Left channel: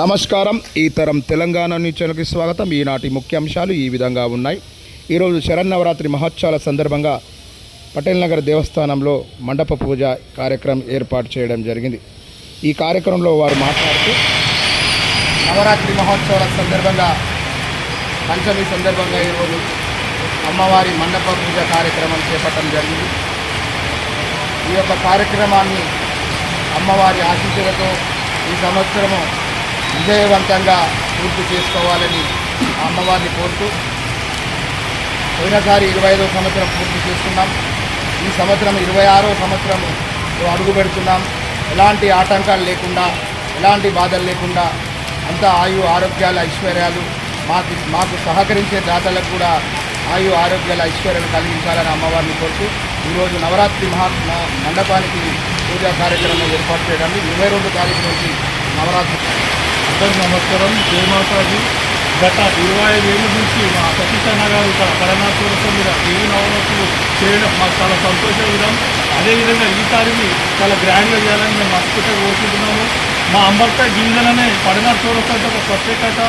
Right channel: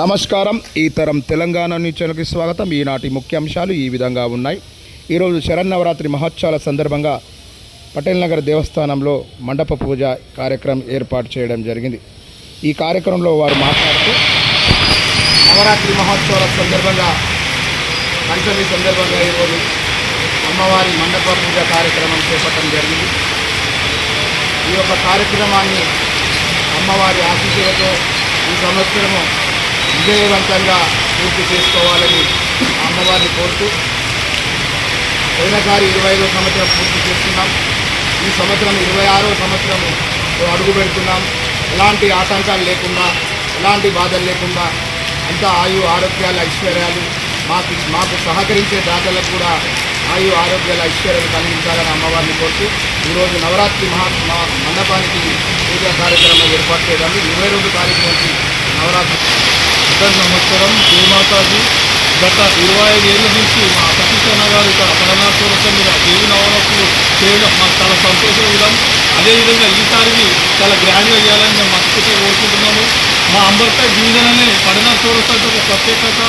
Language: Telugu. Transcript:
నమస్కారం. ఈ తరం తెలంగాణ న్యూస్ ఛానల్కి స్వాగతం. ఈనాటి ముఖ్యాంశాలు ఈ విధంగా ఉన్నాయి. ఈరోజు శరన్నవరాత్రి మహోత్సవాల సందర్భంగా పటేల్ నగర్ దేవస్థానంలో మండప పూజ కార్యక్రమం ఏర్పాటు చేయడం జరిగింది. ఈ కార్యక్రమంలో వారు మాట్లాడుతూ నవరాత్రి మహోత్సవాల సందర్భంగా పంచమి సందర్భంగా ఈరోజు అమ్మవారి మండప పూజ కార్యక్రమం చేపట్టడం జరిగింది. ఈ యొక్క కార్యక్రమాన్ని అమ్మవారి ఆశీస్సులతో ఈ సంవత్సరము విజయవంతంగా పూర్తి చేసుకోవాలని అమ్మవారిని కోరుతూ, పోయినసారి 25వ సంవత్సరం పూర్తి చేస్తున్నాం. ఈ సంవత్సరం 26వ సంవత్సరం అడుగు పెడుతున్నాం. ఎలాంటి ఆటంకాలు లేకుండా, ఎలాంటి బాధలు లేకుండా అంతా ఆరోగ్యాల ఐశ్వర్యాలు మాకు సహకరించే దాతలకు కూడా ఆరోగ్యాల ఐశ్వర్యాలు కలిగించాలని అమ్మవారిని కోరుతూ ఈరోజు నవరాత్రి మండపానికి పూజా కార్యక్రమం ఏర్పాటు చేయడానికి 22వ తారీఖు నుంచి నవరాత్రి. అందరూ నమస్కారం. జయమాతాజీ. గత 25 ఏళ్ళ నుంచి మా సతీష్ గారు ఇక్కడ పరనాథపురం మీద దేవి నవరాత్రులు చేయడం మాకు చాలా సంతోషం విధాం. అదేవిధంగా ఈసారి చాలా గ్రాండ్గా చేయాలని మేము మనస్ఫూర్తిగా కోరుకుంటున్నాము. మా అంబర్పేట డివిజన్ అనే పరనాథపురం ఒక ప్రత్యేకత